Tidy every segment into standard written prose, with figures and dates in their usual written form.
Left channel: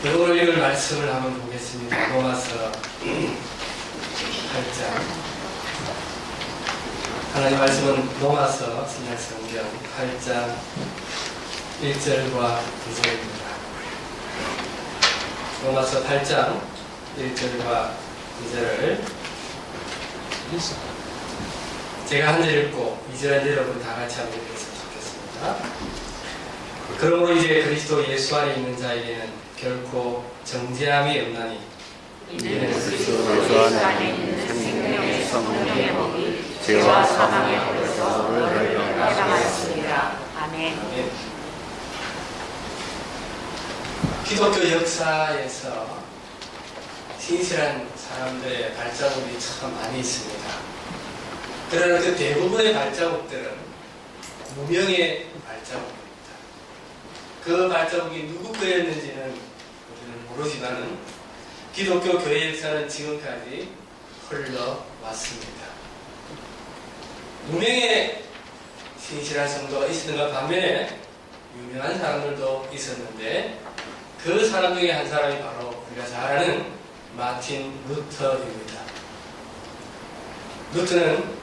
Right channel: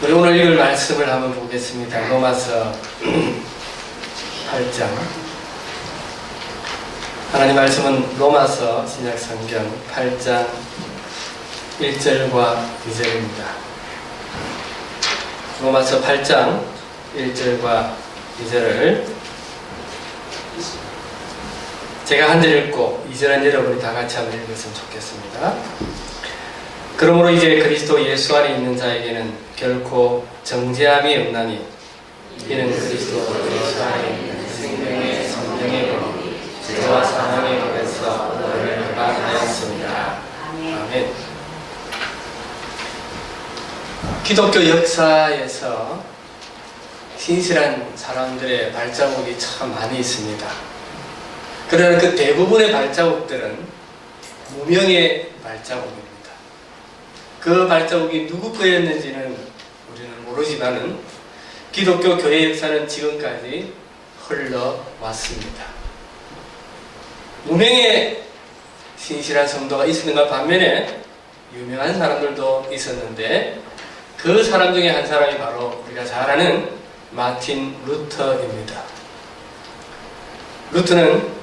우리 오늘 읽을 말씀을 한번 보겠습니다. 로마서 8장. 하나님 말씀은 로마서 신약성경 8장 1절과 2절입니다. 로마서 8장 1절과 2절을 제가 한 절 읽고 2절은 여러분이 다 같이 한번 읽었으면 좋겠습니다. 그러므로 이제 그리스도 예수 안에 있는 자에게는 결코 정죄함이 없나니 이는 그리스도로서 안에 있는 생명의 성령의 영이 죄와 사망의 법에서 너희를 막아내었습니다. 아멘. 기독교 역사에서 신실한 사람들의 발자국이 참 많이 있습니다. 그러나 그 대부분의 발자국들은 무명의 발자국입니다. 그 발자국이 누구 거였는지는 우리는 모르지만은 기독교 교회 역사는 지금까지 흘러왔습니다. 무명의 신실한 성도가 있었는가 반면에 유명한 사람들도 있었는데 그 사람 중에 한 사람이 바로 우리가 잘 아는 마틴 루터입니다. 루터는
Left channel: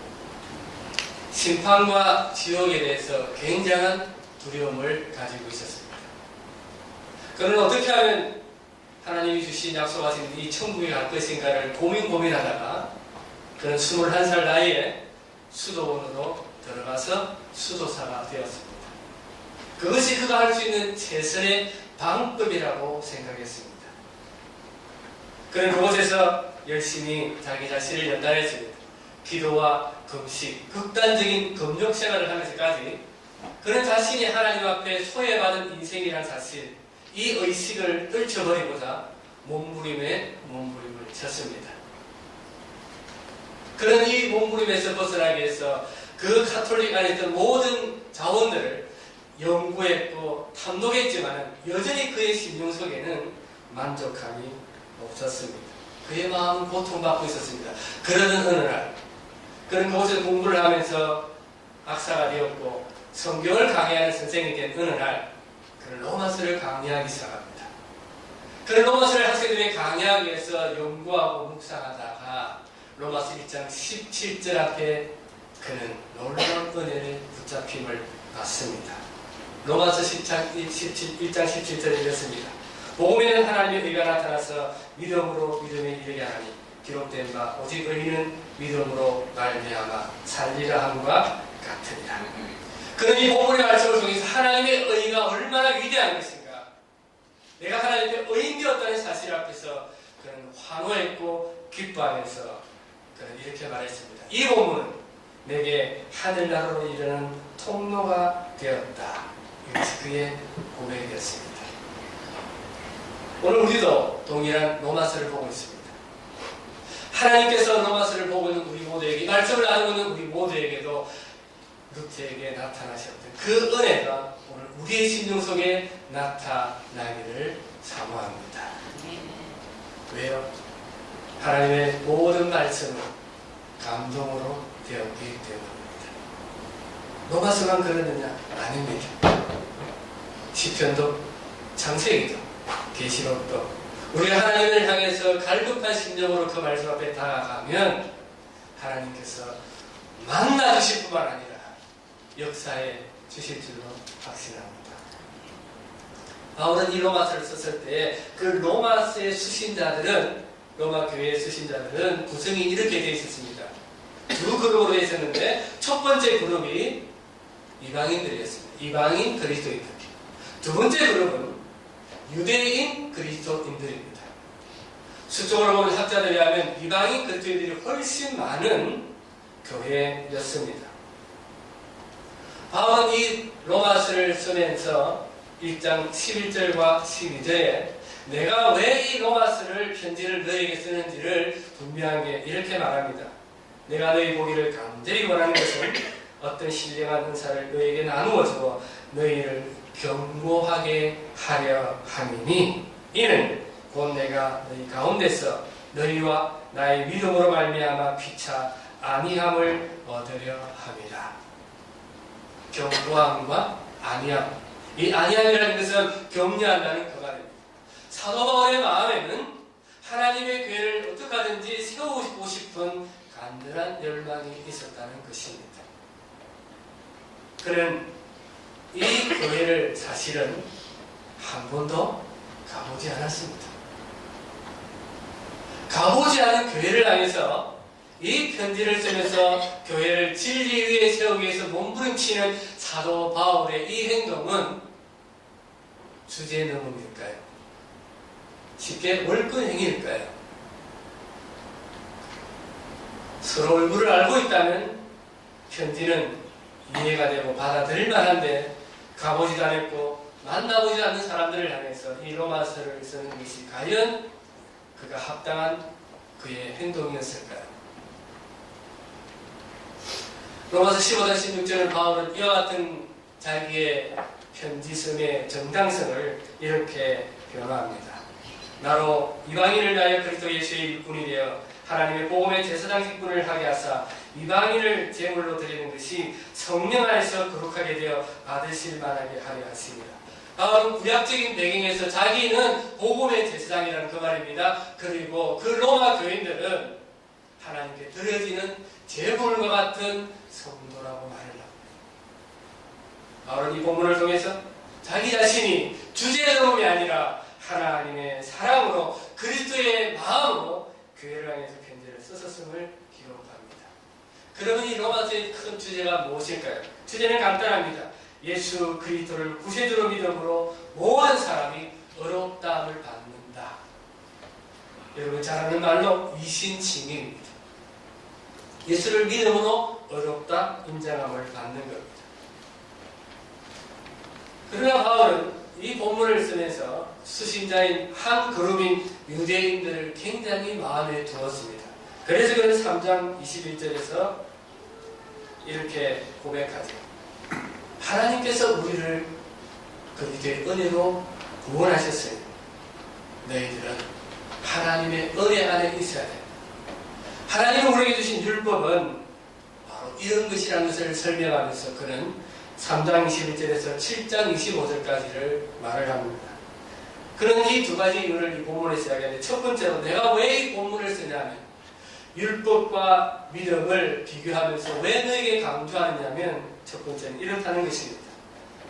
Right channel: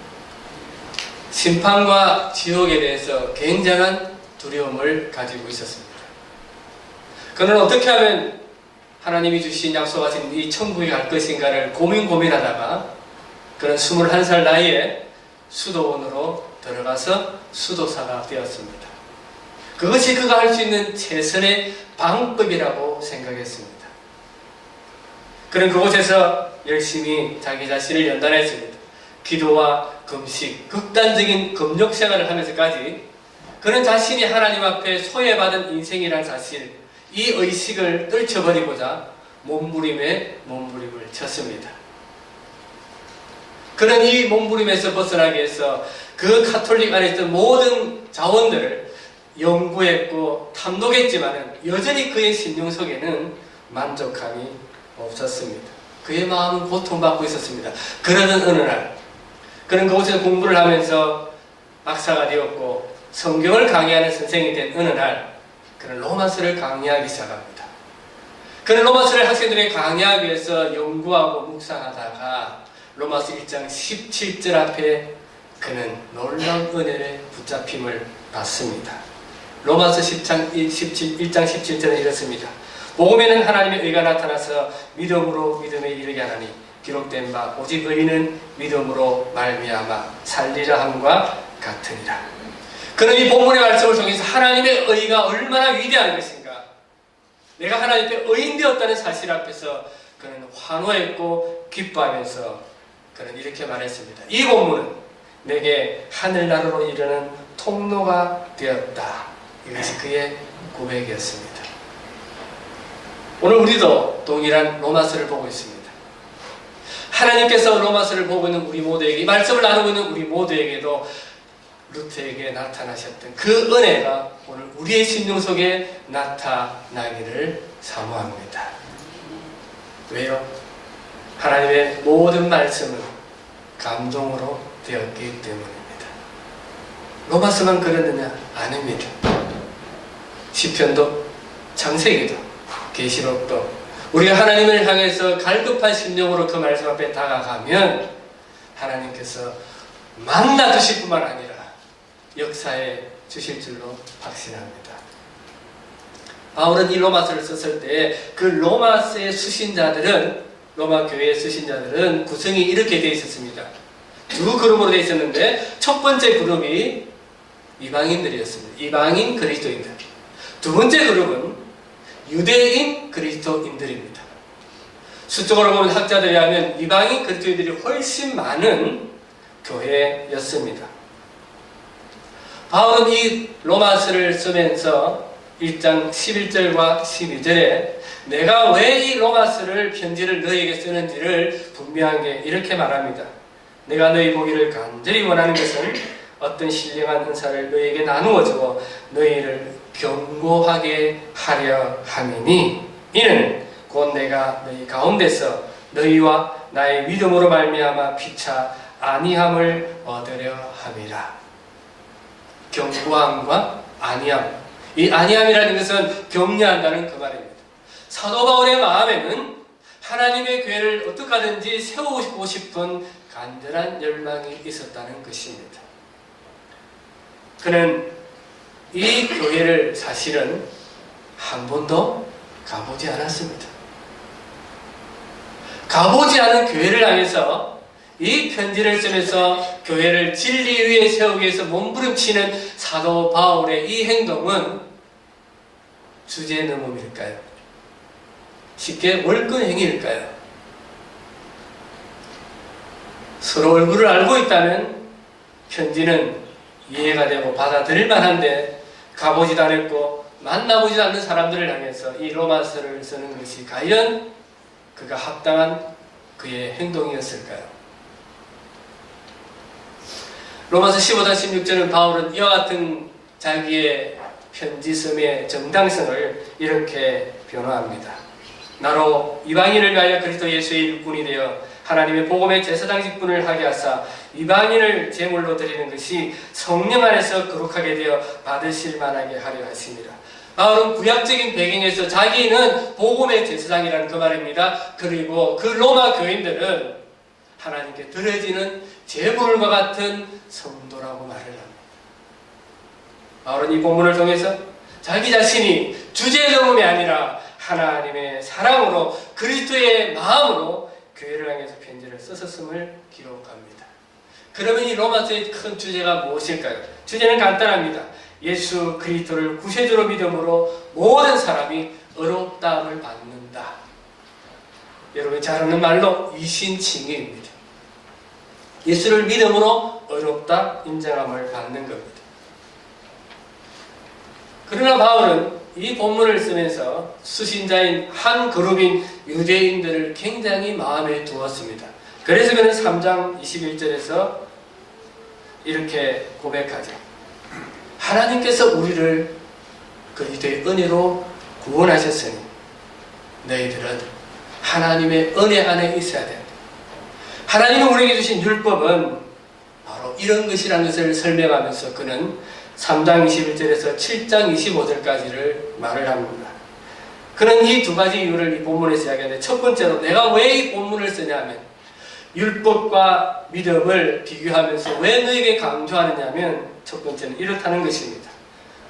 심판과 지옥에 대해서 굉장한 두려움을 가지고 있었습니다. 그는 어떻게 하면 하나님이 주신 약속하신 이 천국에 갈 것인가를 고민하다가 그는 21살 나이에 수도원으로 들어가서 수도사가 되었습니다. 그것이 그가 할 수 있는 최선의 방법이라고 생각했습니다. 그는 그곳에서 열심히 자기 자신을 연단했습니다. 기도와 금식, 극단적인 금욕 생활을 하면서까지 그는 자신이 하나님 앞에 소외받은 인생이라는 사실, 이 의식을 떨쳐버리고자 몸부림에 몸부림을 쳤습니다. 그는 이 몸부림에서 벗어나기 위해서 그 가톨릭 안에 있던 모든 자원들을 연구했고 탐독했지만 여전히 그의 심령 속에는 만족함이 없었습니다. 그의 마음은 고통받고 있었습니다. 그러던 어느 날 그는 그곳에서 공부를 하면서 박사가 되었고 성경을 강의하는 선생이 된 어느 날 그는 로마서를 강의하기 시작합니다. 그는 로마서를 학생들에게 강의하기 위해서 연구하고 묵상하다가 로마서 1장 17절 앞에 그는 놀라운 은혜를 붙잡힘을 받습니다. 로마서 1장 17절에 이렇습니다. 복음에는 하나님의 의가 나타나서 믿음으로 믿음에 이르게 하나니 기록된 바 오직 의인은 믿음으로 말미암아 살리라 함과 같으니라. 그는 이 본문의 말씀을 통해서 하나님의 의가 얼마나 위대한 것인가, 내가 하나님 앞에 의인 되었다는 사실 앞에서 그는 환호했고 기뻐하면서 그는 이렇게 말했습니다. 이 본문은 내게 하늘나라로 이르는 통로가 되었다. 이것이 그의 고백이었습니다. 오늘 우리도 동일한 로마서를 보고 있습니다. 하나님께서 로마서를 보고 있는 우리 모두에게, 이 말씀을 나누고 있는 우리 모두에게도 루터에게 나타나셨던 그 은혜가 오늘 우리의 심령 속에 나타나기를 사모합니다. 왜요? 하나님의 모든 말씀은 감동으로 되었기 때문입니다. 로마서만 그랬느냐? 아닙니다. 시편도 창세기도 계시록도 우리가 하나님을 향해서 갈급한 심령으로 그 말씀 앞에 다가가면 하나님께서 만나 주실 뿐만 아니라 역사에 주실 줄로 확신합니다. 바울은 이 로마서를 썼을 때 그 로마서의 수신자들은, 로마 교회의 수신자들은 구성이 이렇게 되어 있었습니다. 두 그룹으로 되어 있었는데 첫 번째 그룹이 이방인들이었습니다. 이방인 그리스도인들. 두 번째 그룹은 유대인 그리스도인들입니다. 수적으로 보면 학자들에 의하면 이방인 그리스도인들이 훨씬 많은 교회였습니다. 바울은 이 로마서를 쓰면서 1장 11절과 12절에 내가 왜 이 로마서를 편지를 너희에게 쓰는지를 분명하게 이렇게 말합니다. 내가 너희 보기를 간절히 원하는 것은 어떤 신령한 은사를 너희에게 나누어 주어 너희를 견고하게 하려 함이니 이는 곧 내가 너희 가운데서 너희와 나의 믿음으로 말미암아 피차 안위함을 얻으려 함이라. 견고함과 안위함, 이 안위함이라는 것은 격려한다는 그 말입니다. 사도 바울의 마음에는 하나님의 교회를 어떻게 하든지 세우고 싶은 간절한 열망이 있었다는 것입니다. 그는 이 교회를 사실은 한 번도 가보지 않았습니다. 가보지 않은 교회를 향해서 이 편지를 쓰면서 교회를 진리 위에 세우기 위해서 몸부림치는 사도 바울의 이 행동은 주제의 넘음일까요? 쉽게 월권행위일까요? 서로 얼굴을 알고 있다면 편지는 이해가 되고 받아들일 만한데 가보지도 않았고 만나보지도 않는 사람들을 향해서 이 로마서를 쓰는 것이 과연 그가 합당한 그의 행동이었을까요? 로마서 15-16절은 바울은 이와 같은 자기의 편지섬의 정당성을 이렇게 변호합니다. 나로 이방인을 위하여 그리스도 예수의 일꾼이 되어 하나님의 복음의 제사장 직분을 하게 하사 이방인을 제물로 드리는 것이 성령 안에서 거룩하게 되어 받으실 만하게 하려 하십니다. 바울은 구약적인 배경에서 자기는 복음의 제사장이라는 그 말입니다. 그리고 그 로마 교인들은 하나님께 드려지는 제물과 같은 성도라고 말을 합니다. 바울은 이 본문을 통해서 자기 자신이 주제의 넘음이 아니라 하나님의 사랑으로 그리스도의 마음으로 교회를 향해서 편지를 썼음을 기록합니다. 그러면 이 로마서의 큰 주제가 무엇일까요? 주제는 간단합니다. 예수 그리스도를 구세주로 믿음으로 모든 사람이 의롭다함을 받는다. 여러분이 잘 아는 말로 이신칭의입니다. 예수를 믿음으로 의롭다 인정함을 받는 겁니다. 그러나 바울은 이 본문을 쓰면서 수신자인 한 그룹인 유대인들을 굉장히 마음에 두었습니다. 그래서 그는 3장 21절에서 이렇게 고백하죠. 하나님께서 우리를 그리스도의 은혜로 구원하셨으니 너희들은 하나님의 은혜 안에 있어야 된다. 하나님이 우리에게 주신 율법은 바로 이런 것이라는 것을 설명하면서 그는 3장 21절에서 7장 25절까지를 말을 합니다. 그는 이 두 가지 이유를 이 본문에서 이야기하는데, 첫 번째로 내가 왜 이 본문을 쓰냐면 율법과 믿음을 비교하면서 왜 너에게 강조하느냐면 첫 번째는 이렇다는 것입니다.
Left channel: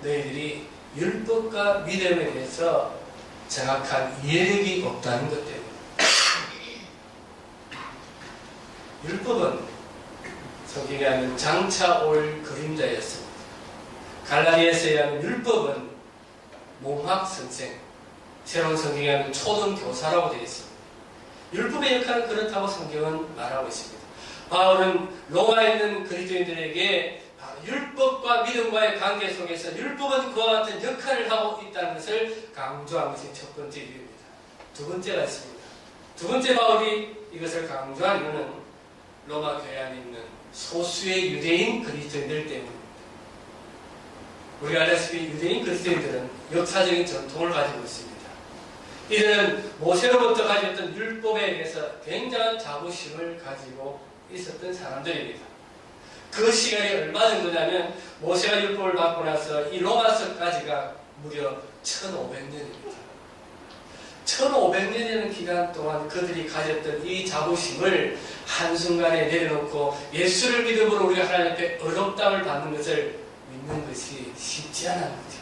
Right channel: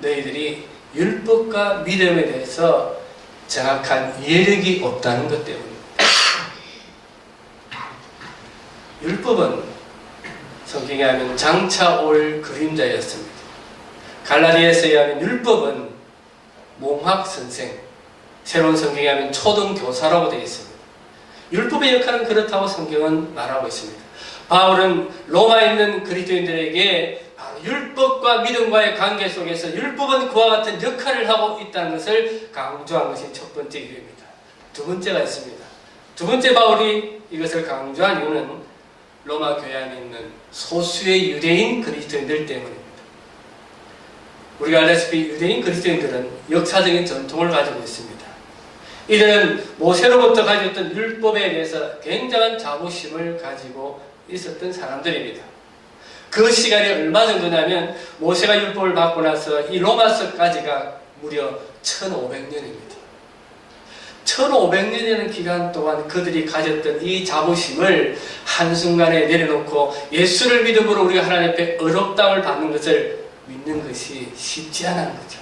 너희들이 율법과 믿음에 대해서 정확한 이해력이 없다는 것 때문입니다. 율법은 성경에 하면 장차 올 그림자였습니다. 갈라디아서에 의하면 율법은 몽학선생, 새로운 성경에 하면 초등교사라고 되어 있습니다. 율법의 역할은 그렇다고 성경은 말하고 있습니다. 바울은 로마에 있는 그리스도인들에게 율법과 믿음과의 관계 속에서 율법은 그와 같은 역할을 하고 있다는 것을 강조한 것이 첫 번째 이유입니다. 두 번째가 있습니다. 두 번째 바울이 이것을 강조한 이유는 로마 교회 안에 있는 소수의 유대인 그리스도인들 때문입니다. 우리가 알다시피 유대인 그리스도인들은 역사적인 전통을 가지고 있습니다. 이들은 모세로부터 가졌던 율법에 대해서 굉장한 자부심을 가지고 있었던 사람들입니다. 그 시간이 얼마 정도냐면 모세가 율법을 받고 나서 이 로마서까지가 무려 1500년입니다. 1500년이라는 기간 동안 그들이 가졌던 이 자부심을 한순간에 내려놓고 예수를 믿음으로 우리가 하나님 앞에 의롭다함을 받는 것을 믿는 것이 쉽지 않은 거죠.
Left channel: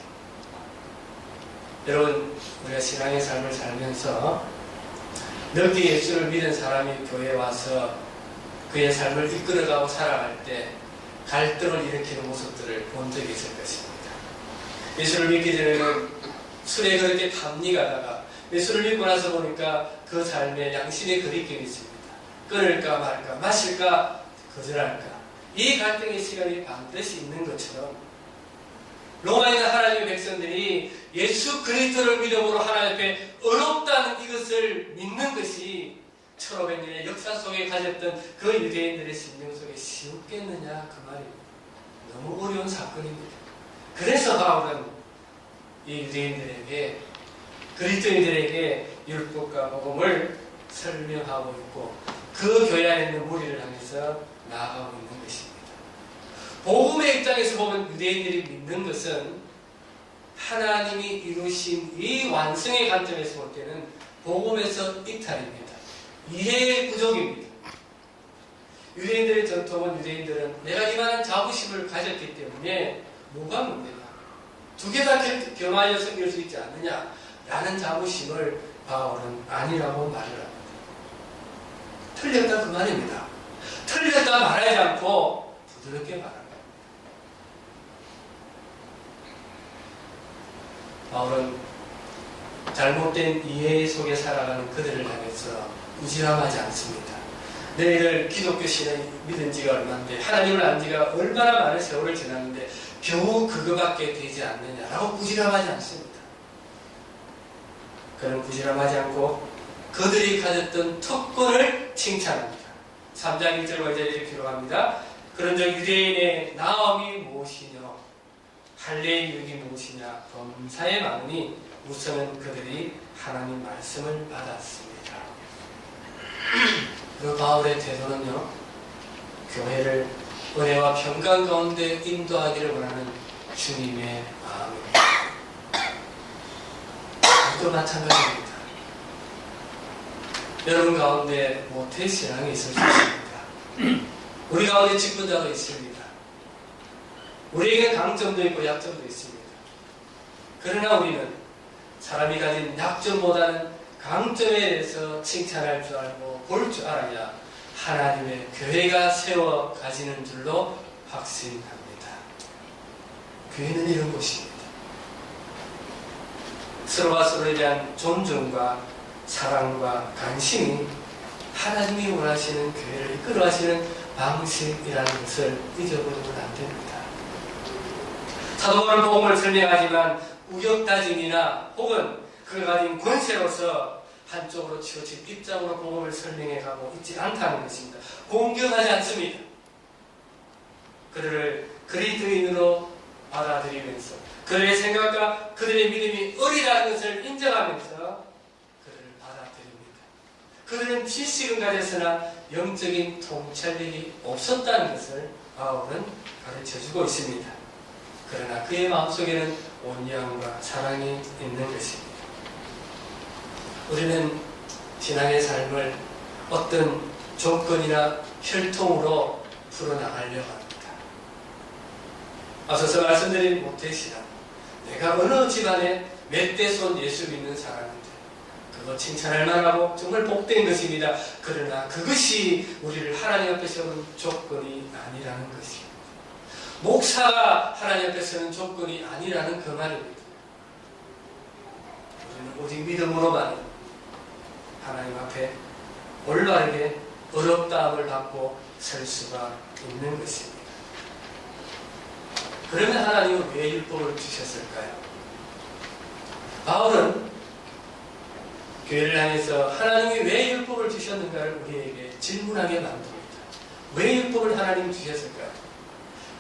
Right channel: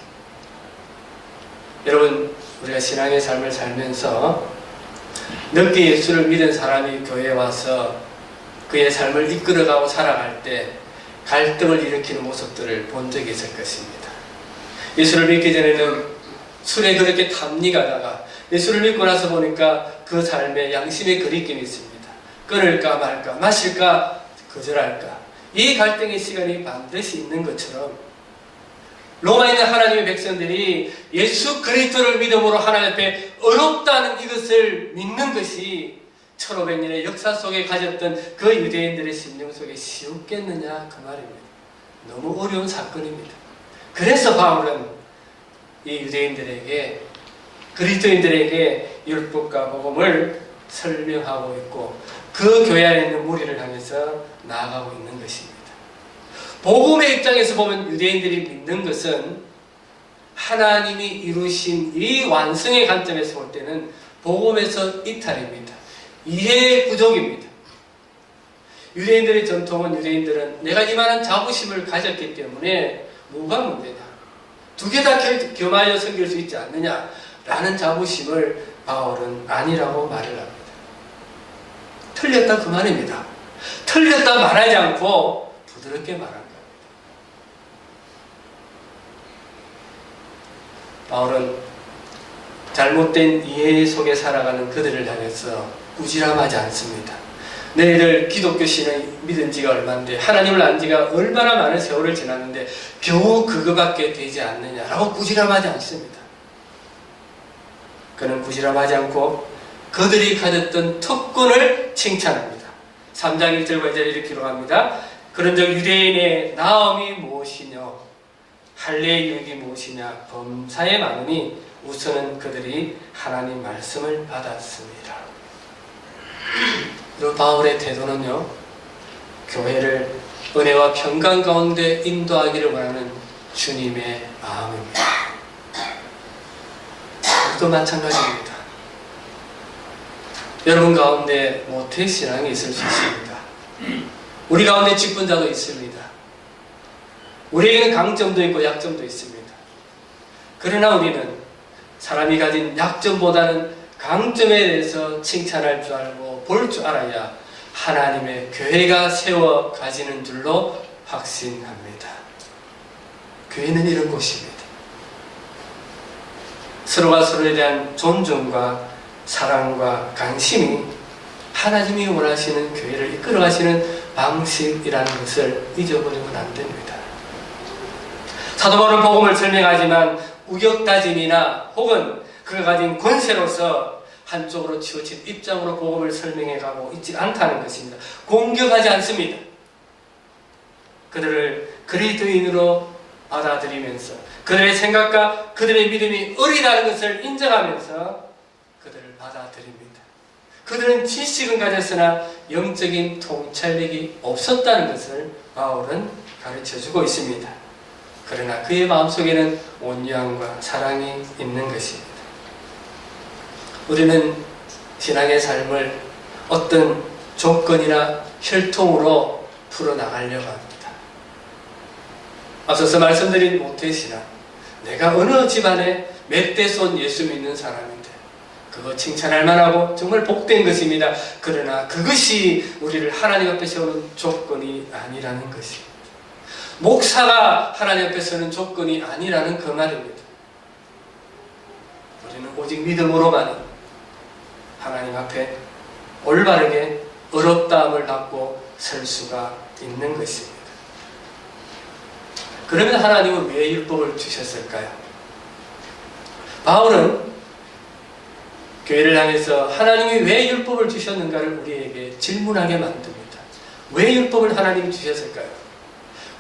여러분, 우리가 신앙의 삶을 살면서 늦게 예수를 믿은 사람이 교회에 와서 그의 삶을 이끌어가고 살아갈 때 갈등을 일으키는 모습들을 본 적이 있을 것입니다. 예수를 믿기 전에는 술에 그렇게 탐닉하다가 예수를 믿고 나서 보니까 그 삶에 양심의 거리낌이 있습니다. 끊을까 말까, 마실까 거절할까. 이 갈등의 시간이 반드시 있는 것처럼 로마에 있는 하나님의 백성들이 예수 그리스도를 믿음으로 하나님 앞에 어렵다는 이것을 믿는 것이 1500년의 역사 속에 가졌던 그 유대인들의 심령 속에 쉬웠겠느냐 그 말입니다. 너무 어려운 사건입니다. 그래서 바울은 이 유대인들에게, 그리스도인들에게 율법과 복음을 설명하고 있고 그 교회 안에 있는 무리를 향해서 나아가고 있는 것입니다. 복음의 입장에서 보면 유대인들이 믿는 것은 하나님이 이루신 이 완성의 관점에서 볼 때는 복음에서 이탈입니다. 이해 부족입니다. 유대인들의 전통은 유대인들은 내가 이만한 자부심을 가졌기 때문에 뭐가 문제냐? 두 개 다 겸하여 섬길 수 있지 않느냐? 라는 자부심을 바울은 아니라고 말을 합니다. 틀렸다 그 말입니다. 틀렸다 말하지 않고 부드럽게 말한 겁니다. 바울은 잘못된 이해 속에 살아가는 그들을 향해서 꾸지람하지 않습니다. 너희들 기독교 신을 믿은 지가 얼마인데, 하나님을 안 지가 얼마나 많은 세월을 지났는데 겨우 그거밖에 되지 않느냐라고 꾸지람하지 않습니다. 그는 꾸지람하지 않고 그들이 가졌던 특권을 칭찬합니다. 3장 1절과 2절 이렇게 기록합니다. 그런즉 유대인의 나음이 무엇이뇨? 할례의 유익이 무엇이냐? 범사에 많으니 우선은 그들이 하나님 말씀을 받았습니다. 그리고 바울의 태도는요, 교회를 은혜와 평강 가운데 인도하기를 원하는 주님의 마음입니다. 또 마찬가지입니다. 여러분 가운데 모태신앙이 있을 수 있습니다. 우리 가운데 직분자도 있습니다. 우리에게는 강점도 있고 약점도 있습니다. 그러나 우리는 사람이 가진 약점보다는 강점에 대해서 칭찬할 줄 알고 볼 줄 알아야 하나님의 교회가 세워 가지는 줄로 확신합니다. 교회는 이런 곳입니다. 서로가 서로에 대한 존중과 사랑과 관심이 하나님이 원하시는 교회를 이끌어가시는 방식이라는 것을 잊어버리면 안 됩니다. 사도 바울은 복음을 설명하지만 우격다짐이나 혹은 그가 가진 권세로서 한쪽으로 치우친 입장으로 복음을 설명해가고 있지 않다는 것입니다. 공격하지 않습니다. 그들을 그리스도인으로 받아들이면서 그들의 생각과 그들의 믿음이 어리다는 것을 인정하면서 그들을 받아들입니다. 그들은 지식은 가졌으나 영적인 통찰력이 없었다는 것을 바울은 가르쳐주고 있습니다. 그러나 그의 마음속에는 온유함과 사랑이 있는 것입니다. 우리는 신앙의 삶을 어떤 조건이나 혈통으로 풀어나가려고 합니다. 앞서서 말씀드린 모태신앙, 내가 어느 집안에 멧돼손 예수 믿는 사람인데 그거 칭찬할 만하고 정말 복된 것입니다. 그러나 그것이 우리를 하나님 앞에 세우는 조건이 아니라는 것입니다. 목사가 하나님 앞에 서는 조건이 아니라는 그 말입니다. 우리는 오직 믿음으로만 하나님 앞에 올바르게 어렵다함을 받고 설 수가 있는 것입니다. 그러면 하나님은 왜 율법을 주셨을까요? 바울은 교회를 향해서 하나님이 왜 율법을 주셨는가를 우리에게 질문하게 만듭니다. 왜 율법을 하나님이 주셨을까요?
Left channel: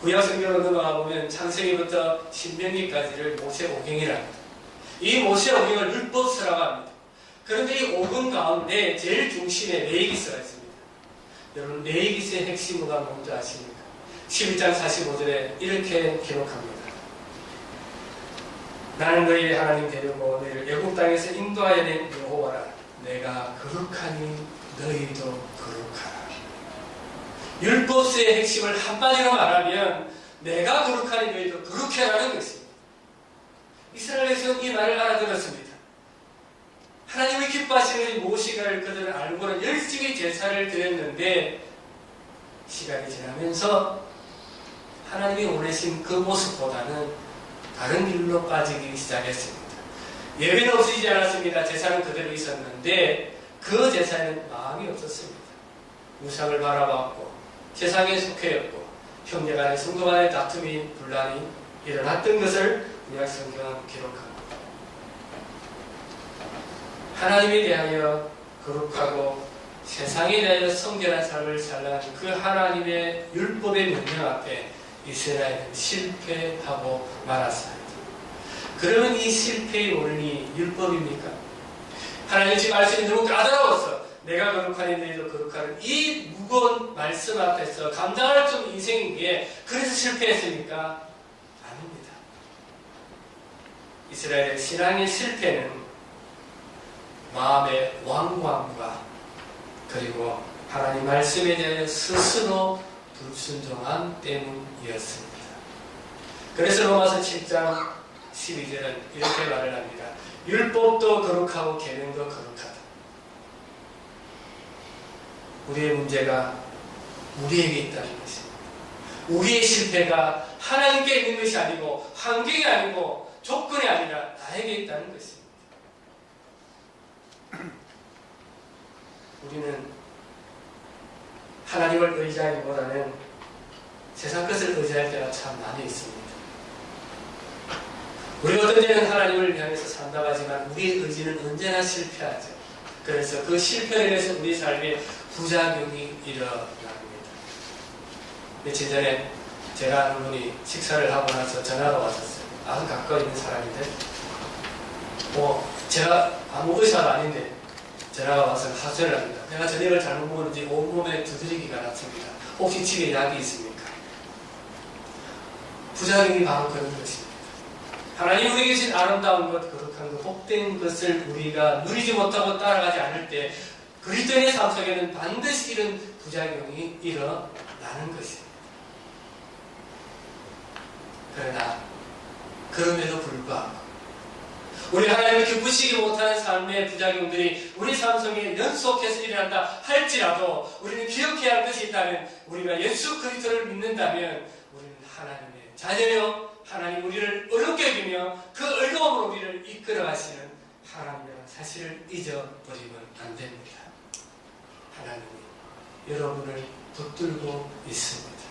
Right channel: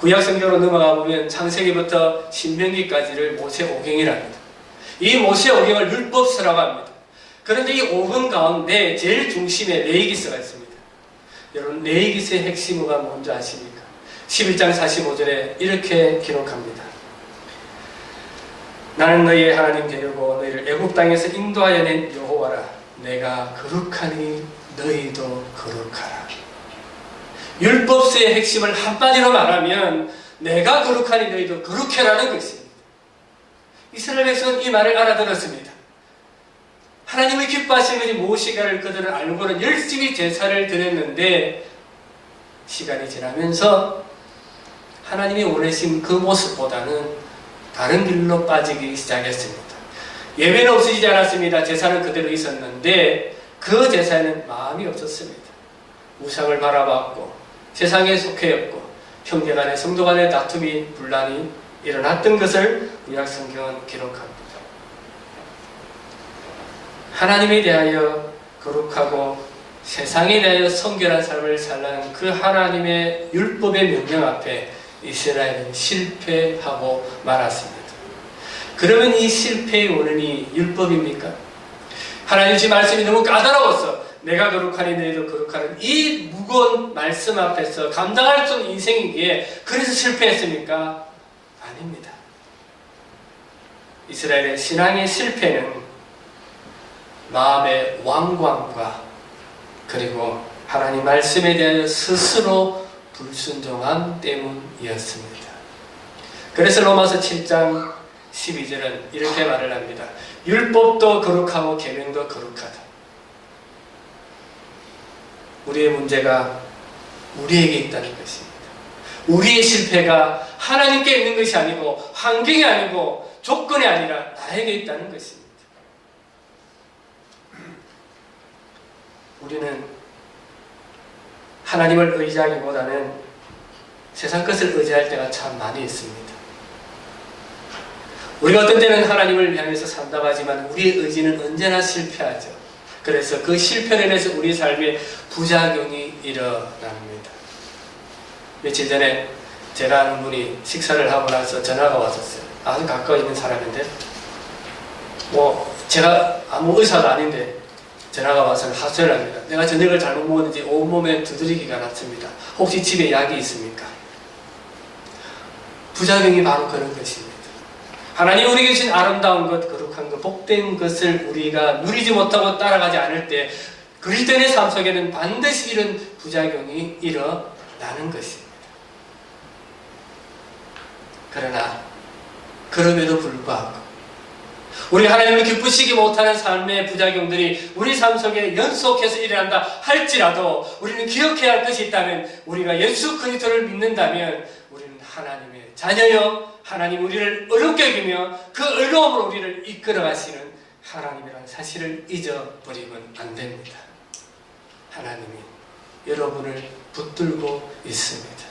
구약 성경으로 넘어가 보면 창세기부터 신명기까지를 모세 오경이랍니다. 이 모세 오경을 율법서라고 합니다. 그런데 이 오경 가운데 제일 중심에 레위기서가 있습니다. 여러분 레위기서의 핵심어가 뭔지 아십니까? 11장 45절에 이렇게 기록합니다. 나는 너희의 하나님 되려고 너희를 애굽 땅에서 인도하여 낸 여호와라. 내가 거룩하니 너희도 거룩하라. 율법서의 핵심을 한마디로 말하면 내가 거룩하니 너희도 거룩해라는 것입니다. 이스라엘 백성은 이 말을 알아들었습니다. 하나님을 기뻐하시는 것이 무엇인가를 그들은 알고는 열심히 제사를 드렸는데 시간이 지나면서 하나님이 원하신 그 모습보다는 다른 길로 빠지기 시작했습니다. 예배는 없어지지 않았습니다. 제사는 그대로 있었는데 그 제사에는 마음이 없었습니다. 우상을 바라봤고 세상에 속해였고 형제간의 성도간의 다툼이 분란이 일어났던 것을 구약 성경은 기록합니다. 하나님에 대하여 거룩하고 세상에 대하여 성결한 삶을 살라는 그 하나님의 율법의 명령 앞에 이스라엘은 실패하고 말았습니다. 그러면 이 실패의 원인이 율법입니까? 하나님 지 말씀이 너무 까다로워서 내가 거룩하니 너희도 거룩하는 이 무거운 말씀 앞에서 감당할 수 없는 인생이기에 그래서 실패했습니까? 아닙니다. 이스라엘의 신앙의 실패는 마음의 완고함과 그리고 하나님 말씀에 대하여 스스로 불순종함 때문이었습니다. 그래서 로마서 7장 12절은 이렇게 말을 합니다. 율법도 거룩하고 계명도 거룩하다. 우리의 문제가 우리에게 있다는 것입니다. 우리의 실패가 하나님께 있는 것이 아니고 환경이 아니고 조건이 아니라 나에게 있다는 것입니다. 우리는 하나님을 의지하기보다는 세상 것을 의지할 때가 참 많이 있습니다. 우리가 어떤 때는 하나님을 향해서 산다고 하지만 우리의 의지는 언제나 실패하죠. 그래서 그 실패로 인해서 우리 삶에 부작용이 일어납니다. 며칠 전에 제가 아는 분이 식사를 하고 나서 전화가 왔었어요. 아주 가까이 있는 사람인데 제가 아무 의사도 아닌데 전화가 와서 하소연을 합니다. 내가 저녁을 잘못 먹었는지 온몸에 두드리기가 났습니다. 혹시 집에 약이 있습니까? 부작용이 바로 그런 것입니다. 하나님 우리에게 주신 아름다운 것, 거룩한 것, 복된 것을 우리가 누리지 못하고 따라가지 않을 때 그리스도인의 삶 속에는 반드시 이런 부작용이 일어나는 것입니다. 그러나 그럼에도 불구하고 우리 하나님을 기쁘시게 못하는 삶의 부작용들이 우리 삶 속에 연속해서 일어난다 할지라도 우리는 기억해야 할 것이 있다면 우리가 예수 그리스도를 믿는다면 우리는 하나님의 자녀여 하나님 우리를 의롭게 여기며 그 의로움으로 우리를 이끌어 가시는 하나님이라는 사실을 잊어버리면 안 됩니다. 하나님이 여러분을 붙들고 있습니다.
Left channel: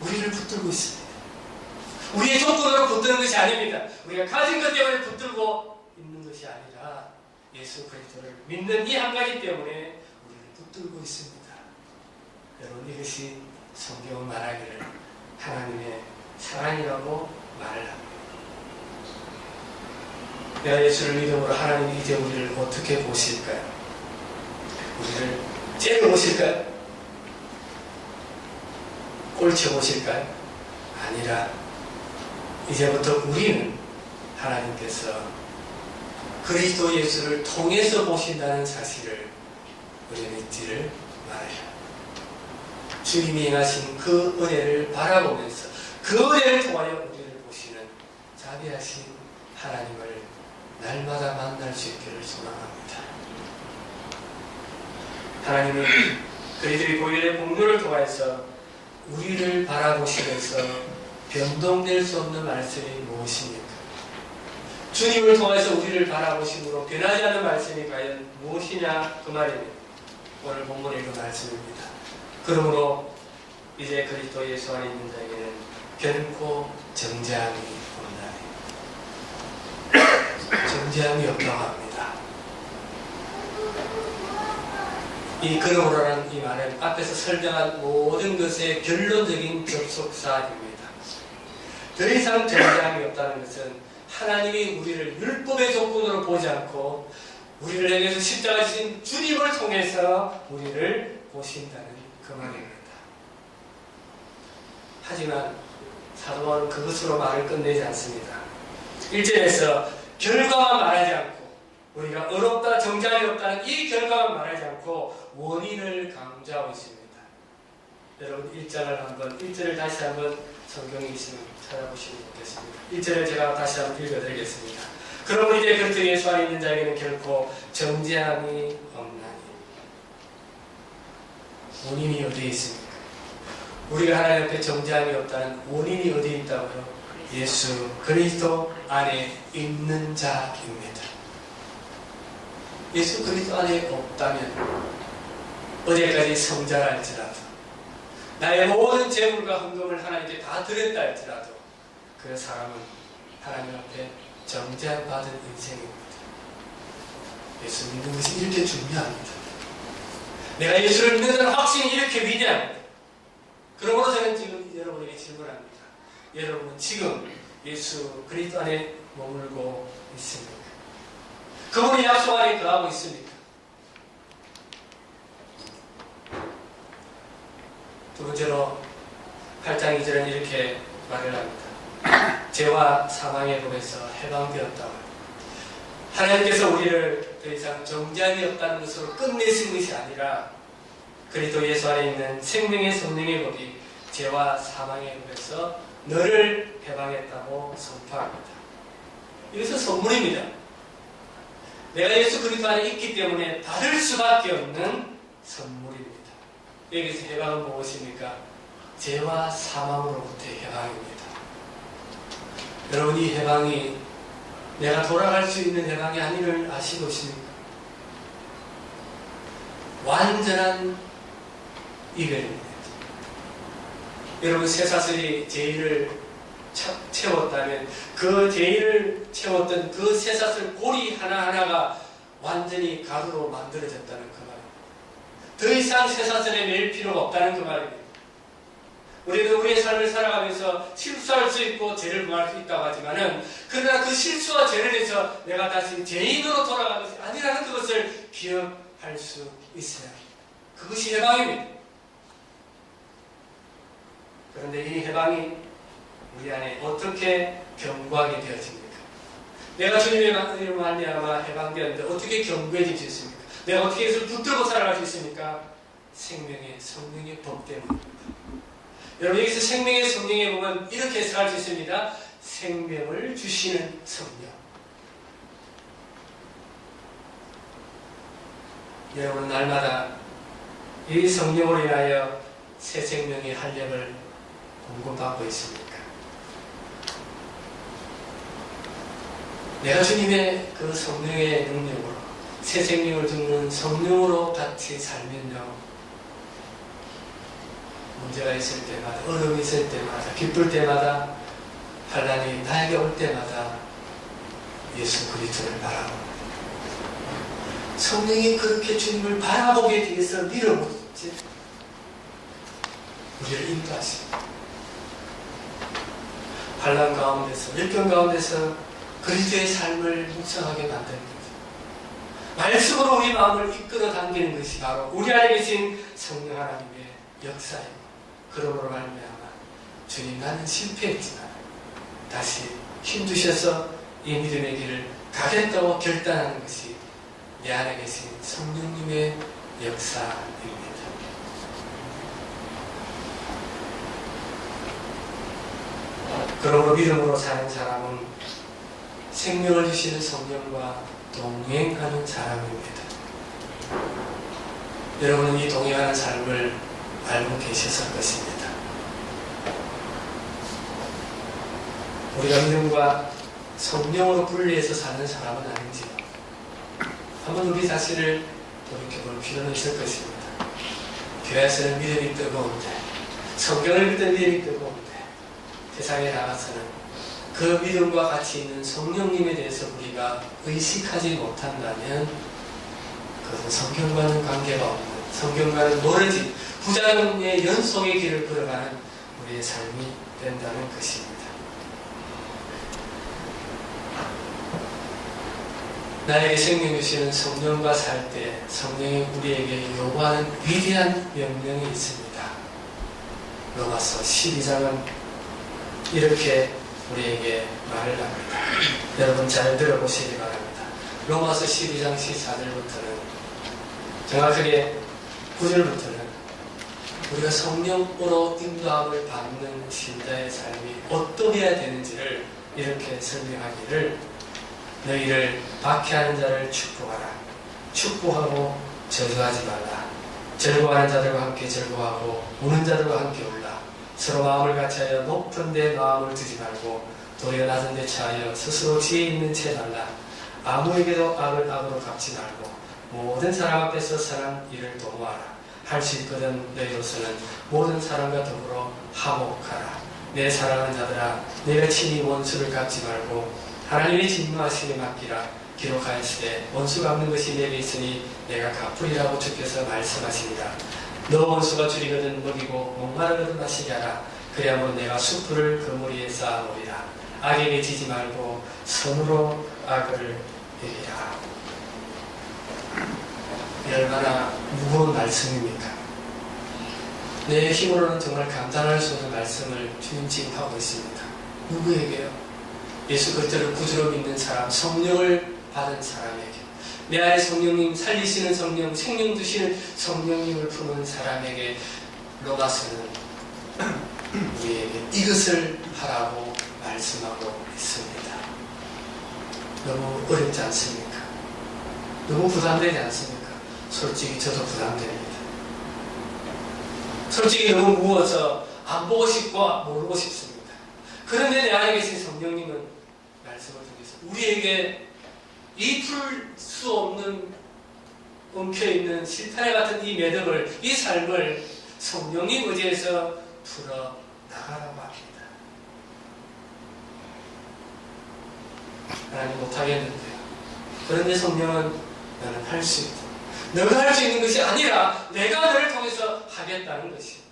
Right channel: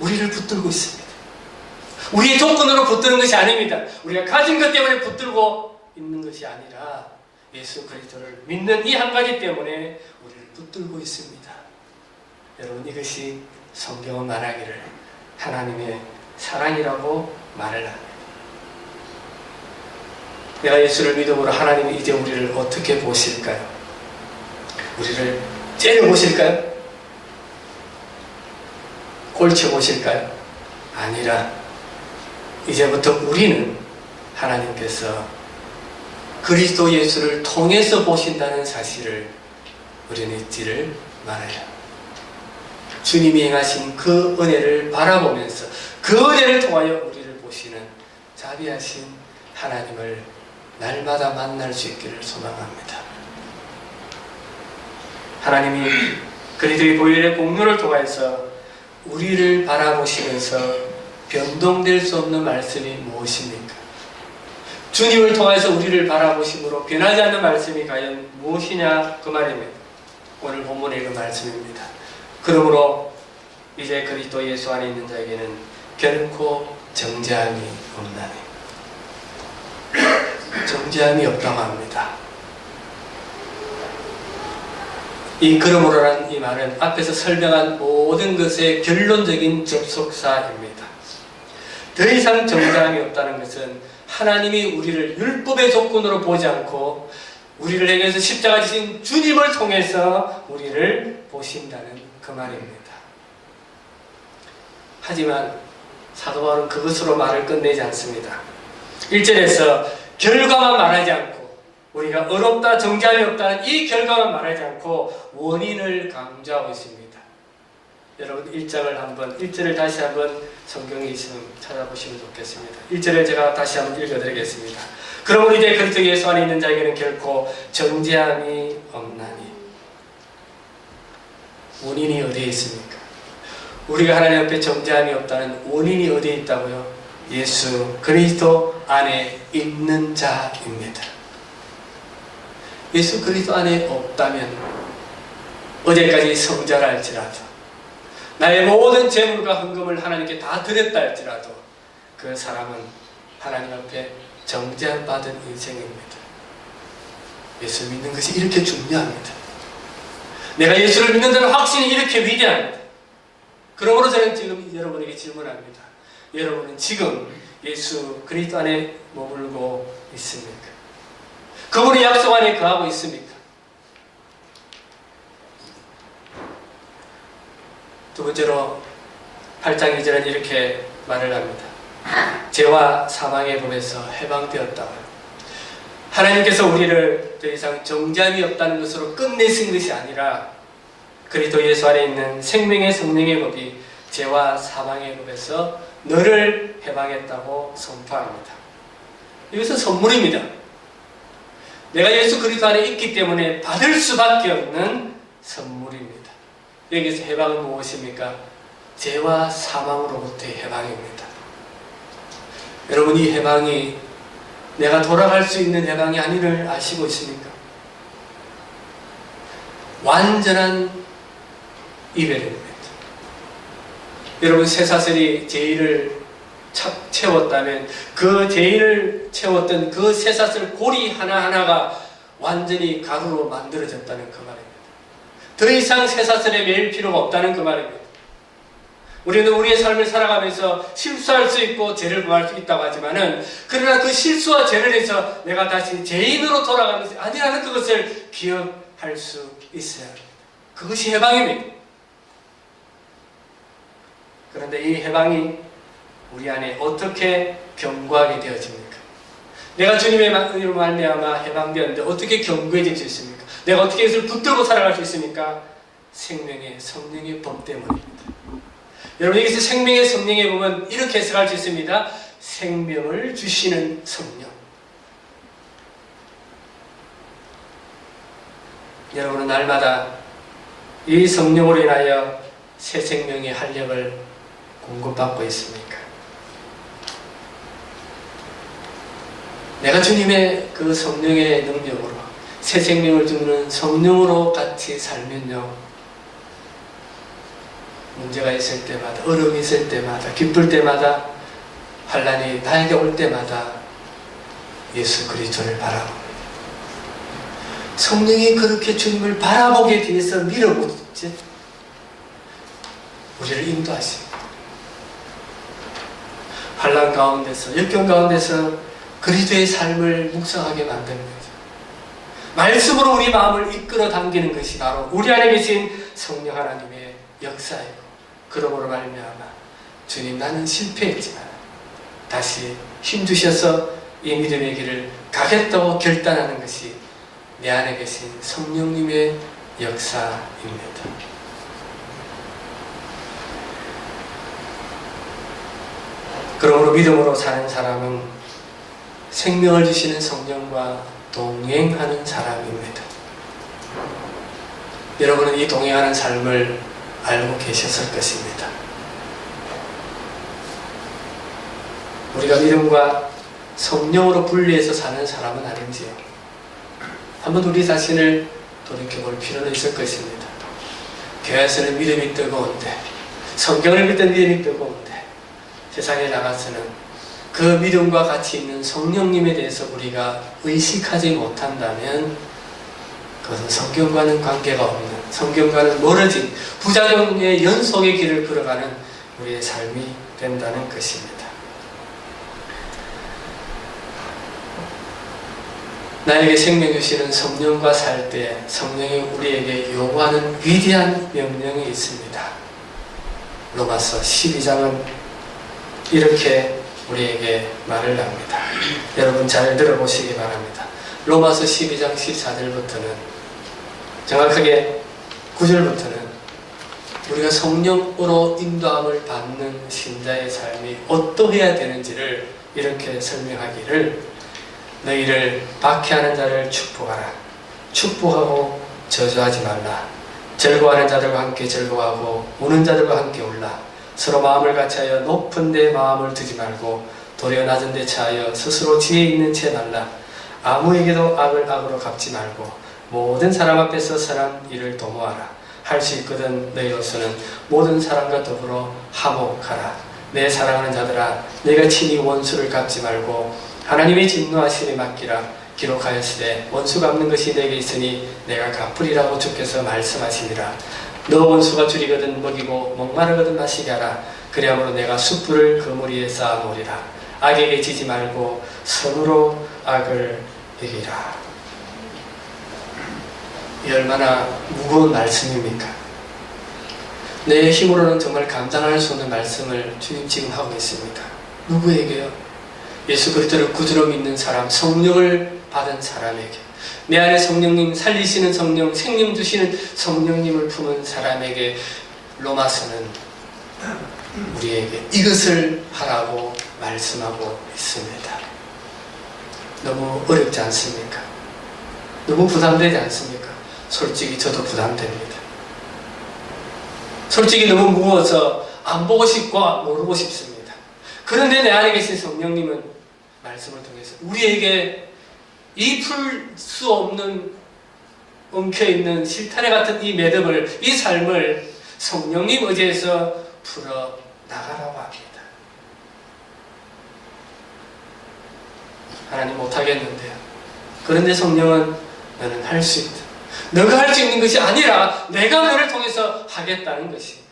우리를 붙들고 있습니다. 우리의 조건으로 붙드는 것이 아닙니다. 우리가 가진 것 때문에 붙들고 있는 것이 아니라 예수 그리스도를 믿는 이 한 가지 때문에 우리를 붙들고 있습니다. 여러분 이것이 성경은 말하기를 하나님의 사랑이라고 말을 합니다. 내가 예수를 믿음으로 하나님이 이제 우리를 어떻게 보실까요? 우리를 째려보실까요? 꼴쳐보실까요? 아니라 이제부터 우리는 하나님께서 그리스도 예수를 통해서 보신다는 사실을 우리는 잊지를 말아야 주님이 행하신 그 은혜를 바라보면서 그 은혜를 통하여 우리를 보시는 자비하신 하나님을 날마다 만날 수 있기를 소망합니다. 하나님이 그리스도의 보혈의 공로를 통해서 우리를 바라보시면서 변동될 수 없는 말씀이 무엇입니까? 주님을 통해서 우리를 바라보심으로 변하지 않는 말씀이 과연 무엇이냐 그 말입니다. 오늘 본문의 그 말씀입니다. 그러므로 이제 그리스도 예수 안에 있는 자에게는 결코 정죄함이 없나니 정죄함이 없다고 합니다. 이 그러므로라는 이 말은 앞에서 설명한 모든 것의 결론적인 접속사입니다. 더 이상 정죄함이 없다는 것은 하나님이 우리를 율법의 조건으로 보지 않고 우리를 향해서 십자가 지신 주님을 통해서 우리를 보신다는 그 말입니다. 하지만 사도 바울은 그것으로 말을 끝내지 않습니다. 1절에서 결과만 말하지 않고 우리가 의롭다 정죄함이 없다는 이 결과만 말하지 않고 원인을 강조하고 있습니다. 여러분 1절을 다시 한번 성경에 있으면 찾아보시면 좋겠습니다. 1절에 제가 다시 한번 읽어드리겠습니다. 그러므로 이제 그리스도 예수 안에 있는 자에게는 결코 정죄함이 없나니. 원인이 어디에 있습니까? 우리가 하나님 앞에 정죄함이 없다는 원인이 어디에 있다고요? 예수 그리스도 안에 있는 자입니다. 예수 그리스도 안에 없다면 어제까지 성자라 할지라도 나의 모든 재물과 헌금을 하나님께 다 드렸다 할지라도 그 사람은 하나님 앞에 정죄함 받은 인생입니다. 예수 믿는 것이 이렇게 중요합니다. 내가 예수를 믿는다는 확신이 이렇게 위대합니다. 그러므로 저는 지금 여러분에게 질문합니다. 여러분은 지금 예수 그리스도 안에 머물고 있습니까? 그분의 약속 안에 거하고 있습니까? 두 번째로 8장 2절은 이렇게 말을 합니다. 죄와 사망의 법에서 해방되었다고 합니다. 하나님께서 우리를 더 이상 정죄함이 없다는 것으로 끝내신 것이 아니라 그리스도 예수 안에 있는 생명의 성령의 법이 죄와 사망의 법에서 너를 해방했다고 선포합니다. 이것은 선물입니다. 내가 예수 그리스도 안에 있기 때문에 받을 수밖에 없는 선물입니다. 여기서 해방은 무엇입니까? 죄와 사망으로부터의 해방입니다. 여러분, 이 해방이 내가 돌아갈 수 있는 해방이 아니를 아시고 있습니까? 완전한 이별입니다. 여러분, 쇠사슬이 죄를 채웠다면 그 죄를 채웠던 그 쇠사슬 고리 하나하나가 완전히 가루로 만들어졌다는 그 말입니다. 더 이상 쇠사슬에 매일 필요가 없다는 그 말입니다. 우리는 우리의 삶을 살아가면서 실수할 수 있고 죄를 범할 수 있다고 하지만은, 그러나 그 실수와 죄를 해서 내가 다시 죄인으로 돌아가는 것이 아니라는 그것을 기억할 수 있어야 합니다. 그것이 해방입니다. 그런데 이 해방이 우리 안에 어떻게 견고하게 되어집니까? 내가 주님의 은혜로 말미암아 해방되었는데 어떻게 견고해질 수 있습니까? 내가 어떻게 이것을 붙들고 살아갈 수 있습니까? 생명의 성령의 법 때문입니다. 여러분, 여기서 생명의 성령의 법은 이렇게 해석할 수 있습니다. 생명을 주시는 성령. 여러분은 날마다 이 성령으로 인하여 새 생명의 활력을 공급받고 있습니까? 내가 주님의 그 성령의 능력으로 새 생명을 주는 성령으로 같이 살면요, 문제가 있을 때마다, 어려움이 있을 때마다, 기쁠 때마다, 환난이 나에게 올 때마다 예수 그리스도를 바라보고, 성령이 그렇게 주님을 바라보게 뒤에서 밀어붙지 우리를 인도하십니다. 환난 가운데서, 역경 가운데서 그리스도의 삶을 묵상하게 만듭니다. 말씀으로 우리 마음을 이끌어 당기는 것이 바로 우리 안에 계신 성령 하나님의 역사이고, 그러므로 말미암아 주님, 나는 실패했지만 다시 힘주셔서 이 믿음의 길을 가겠다고 결단하는 것이 내 안에 계신 성령님의 역사입니다. 그러므로 믿음으로 사는 사람은 생명을 주시는 성령과 동행하는 사람입니다. 여러분은 이 동행하는 삶을 알고 계셨을 것입니다. 우리가 믿음과 성령으로 분리해서 사는 사람은 아닌지요? 한번 우리 자신을 돌이켜볼 필요는 있을 것입니다. 교회에서는 믿음이 뜨거운데, 성경을 믿는 믿음이 뜨거운데, 세상에 나가서는 그 믿음과 같이 있는 성령님에 대해서 우리가 의식하지 못한다면 그것은 성경과는 관계가 없는, 성경과는 멀어진 부작용의 연속의 길을 걸어가는 우리의 삶이 된다는 것입니다. 나에게 생명 주시는 성령과 살 때 성령이 우리에게 요구하는 위대한 명령이 있습니다. 로마서 12장은 이렇게 우리에게 말을 합니다. 여러분 잘 들어보시기 바랍니다. 로마서 12장 14절부터는, 정확하게 9절부터는 우리가 성령으로 인도함을 받는 신자의 삶이 어떠해야 되는지를 이렇게 설명하기를, 너희를 박해하는 자를 축복하라. 축복하고 저주하지 말라. 즐거워하는 자들과 함께 즐거워하고 우는 자들과 함께 울라. 서로 마음을 같이하여 높은 데 마음을 두지 말고 도리어 낮은 데 처하여 스스로 지혜 있는 채 달라. 아무에게도 악을 악으로 갚지 말고 모든 사람 앞에서 선한 일을 도모하라. 할 수 있거든 너희로서는 모든 사람과 더불어 화목하라. 내 사랑하는 자들아, 내가 친히 원수를 갚지 말고 하나님의 진노하심에 맡기라. 기록하였으되 원수 갚는 것이 내게 있으니 내가 갚으리라고 주께서 말씀하시니라. 너 원수가 줄이거든 먹이고 목마르거든 마시게 하라. 그리함으로 내가 숯불을 그물 위에 쌓아놓으리라. 악에게 지지 말고 선으로 악을 이기라. 이 얼마나 무거운 말씀입니까? 내 힘으로는 정말 감당할 수 없는 말씀을 주님 지금 하고 있습니다. 누구에게요? 예수 그리스도를 구주로 믿는 사람, 성령을 받은 사람에게, 내 안에 성령님, 살리시는 성령, 생명 주시는 성령님을 품은 사람에게 로마서는 우리에게 이것을 하라고 말씀하고 있습니다. 너무 어렵지 않습니까? 너무 부담되지 않습니까? 솔직히 저도 부담됩니다. 솔직히 너무 무거워서 안 보고 싶고 모르고 싶습니다. 그런데 내 안에 계신 성령님은 말씀을 통해서 우리에게 이 풀 수 없는 엉켜있는 실타래 같은 이 매듭을, 이 삶을 성령님 의지에서 풀어 나가라고 합니다. 하나님 못하겠는데요. 그런데 성령은 너는 할 수 있다. 너가 할 수 있는 것이 아니라 내가 너를 통해서 하겠다는 것입니다.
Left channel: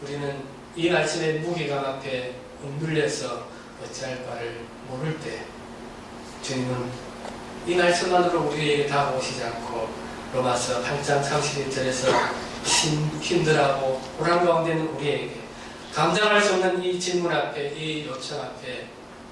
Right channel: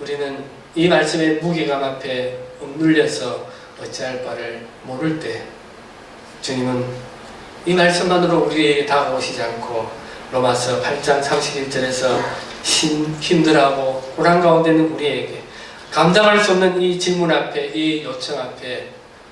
우리는 이 말씀의 무게감 앞에 억눌려서 어찌할 바를 모를 때 주님은 이 말씀만으로 우리에게 다가오시지 않고 로마서 8장 31절에서 힘들하고 불안 가운데 있는 우리에게 감당할 수 없는 이 질문 앞에, 이 요청 앞에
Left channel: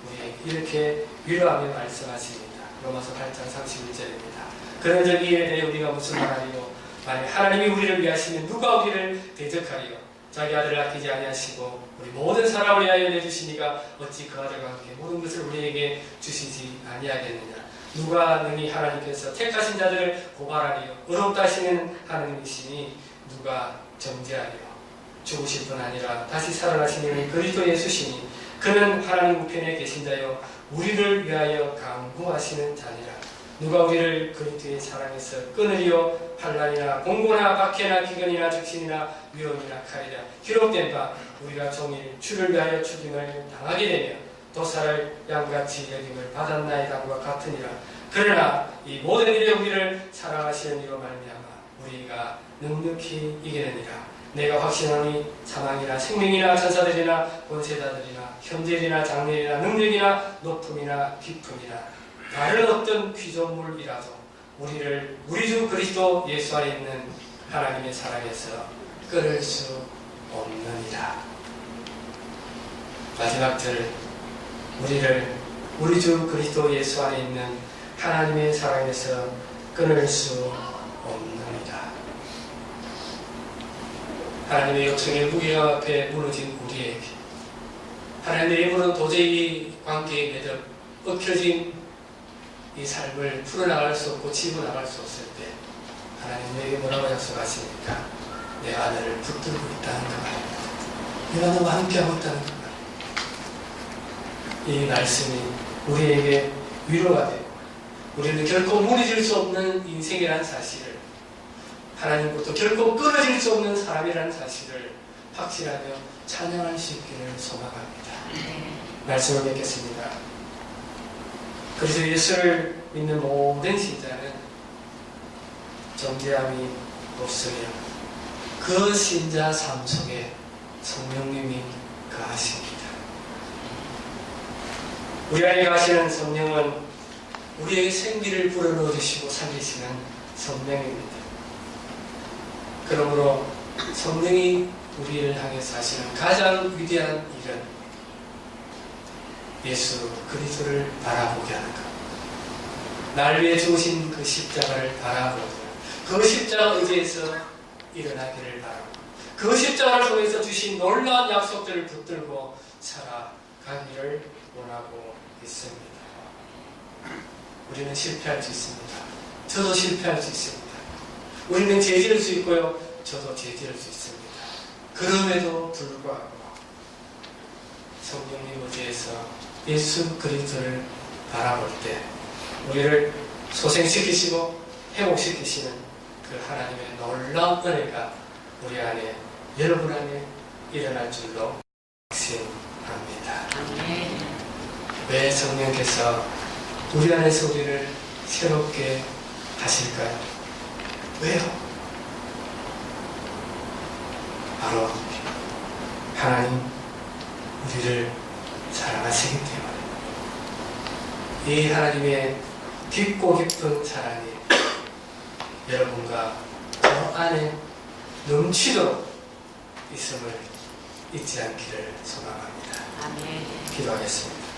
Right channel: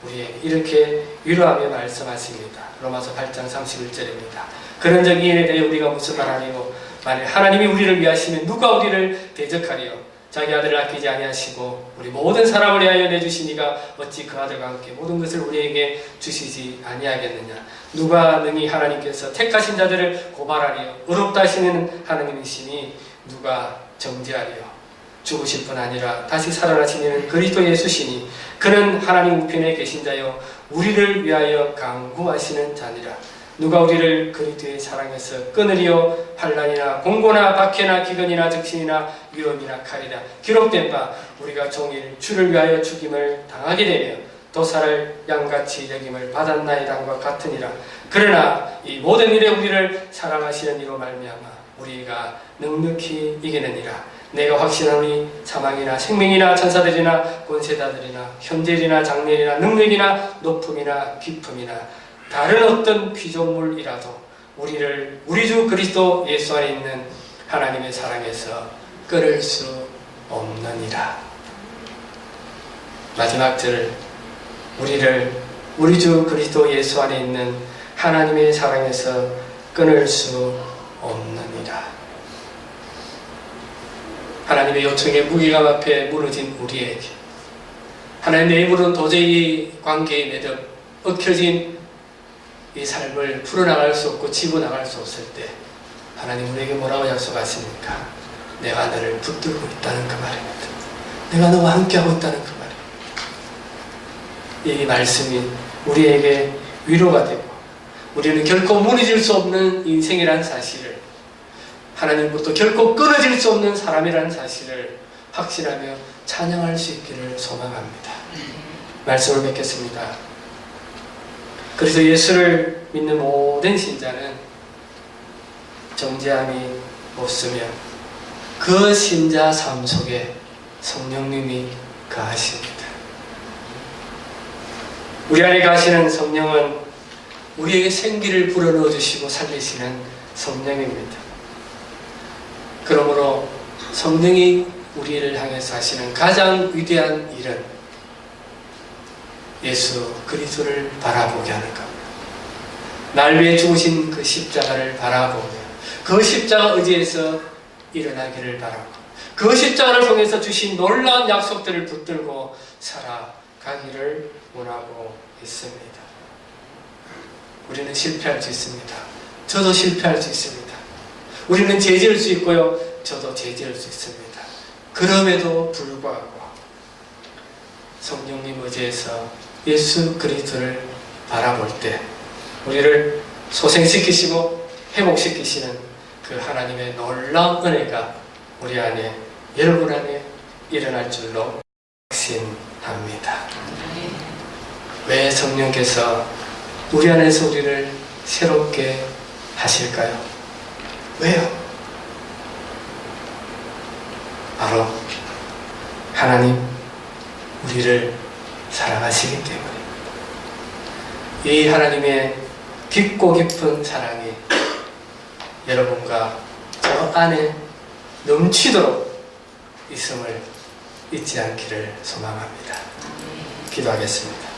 우리에게 이렇게 위로하며 말씀하십니다. 로마서 8장 31절입니다. 그런 적 이에 대해 우리가 무슨 말하리요? 만일 하나님이 우리를 위하시면 누가 우리를 대적하리요? 자기 아들을 아끼지 아니하시고 우리 모든 사람을 위하여 내주시니가 어찌 그 아들과 함께 모든 것을 우리에게 주시지 아니하겠느냐? 누가 능히 하나님께서 택하신 자들을 고발하리요? 의롭다 하시는 하나님이시니 누가 정죄하리요? 죽으실 뿐 아니라 다시 살아나시는 그리스도 예수시니 그는 하나님 우편에 계신 자요 우리를 위하여 간구하시는 자니라. 누가 우리를 그리스도의 사랑에서 끊으리요? 환난이나 공고나 박해나 기근이나 적신이나 위험이나 칼이라. 기록된 바 우리가 종일 주를 위하여 죽임을 당하게 되며 도살을 양같이 여김을 받았나이다과 같으니라. 그러나 이 모든 일에 우리를 사랑하시는 이로 말미암아 우리가 넉넉히 이기느니라. 내가 확신하니 사망이나 생명이나 천사들이나 권세자들이나 현재일이나 장래일이나 능력이나 높음이나 깊음이나 다른 어떤 피조물이라도 우리를 우리 주 그리스도 예수 안에 있는 하나님의 사랑에서 끊을 수 없느니라. 마지막 절, 우리를 우리 주 그리스도 예수 안에 있는 하나님의 사랑에서 끊을 수 없느니라. 하나님의 요청에 무게감 앞에 무너진 우리에게 하나님의 힘으로는 도저히 관계의 매듭, 얽혀진 이 삶을 풀어나갈 수 없고 치고나갈 수 없을 때 하나님 우리에게 뭐라고 약속하십니까? 내가 너를 붙들고 있다는 그 말입니다. 내가 너와 함께하고 있다는 그 말입니다. 이 말씀이 우리에게 위로가 되고 우리는 결코 무너질 수 없는 인생이라는 사실을, 하나님부터 결코 끊어질 수 없는 사람이라는 사실을 확신하며 찬양할 수 있기를 소망합니다. 말씀을 맺겠습니다. 그래서 예수를 믿는 모든 신자는 정죄함이 없으며 그 신자 삶 속에 성령님이 거하십니다. 우리 안에 거하시는 성령은 우리에게 생기를 불어넣어 주시고 살리시는 성령입니다. 그러므로 성령이 우리를 향해서 하시는 가장 위대한 일은 예수 그리스도를 바라보게 하는 것. 날 위해 죽으신 그 십자가를 바라보며 그 십자가 의지에서 일어나기를 바라고 그 십자가를 통해서 주신 놀라운 약속들을 붙들고 살아가기를 원하고 있습니다. 우리는 실패할 수 있습니다. 저도 실패할 수 있습니다. 우리는 죄지을 수 있고요. 저도 죄지을 수 있습니다. 그럼에도 불구하고 성령님 의지에서 예수 그리스도를 바라볼 때 우리를 소생시키시고 회복시키시는 그 하나님의 놀라운 은혜가 우리 안에, 여러분 안에 일어날 줄로 확신합니다. 왜 성령께서 우리 안에서 우리를 새롭게 하실까요? 왜요? 바로 하나님 우리를 사랑하시기 때문에 이 하나님의 깊고 깊은 사랑이 여러분과 저 안에 넘치도록 있음을 잊지 않기를 소망합니다. 기도하겠습니다.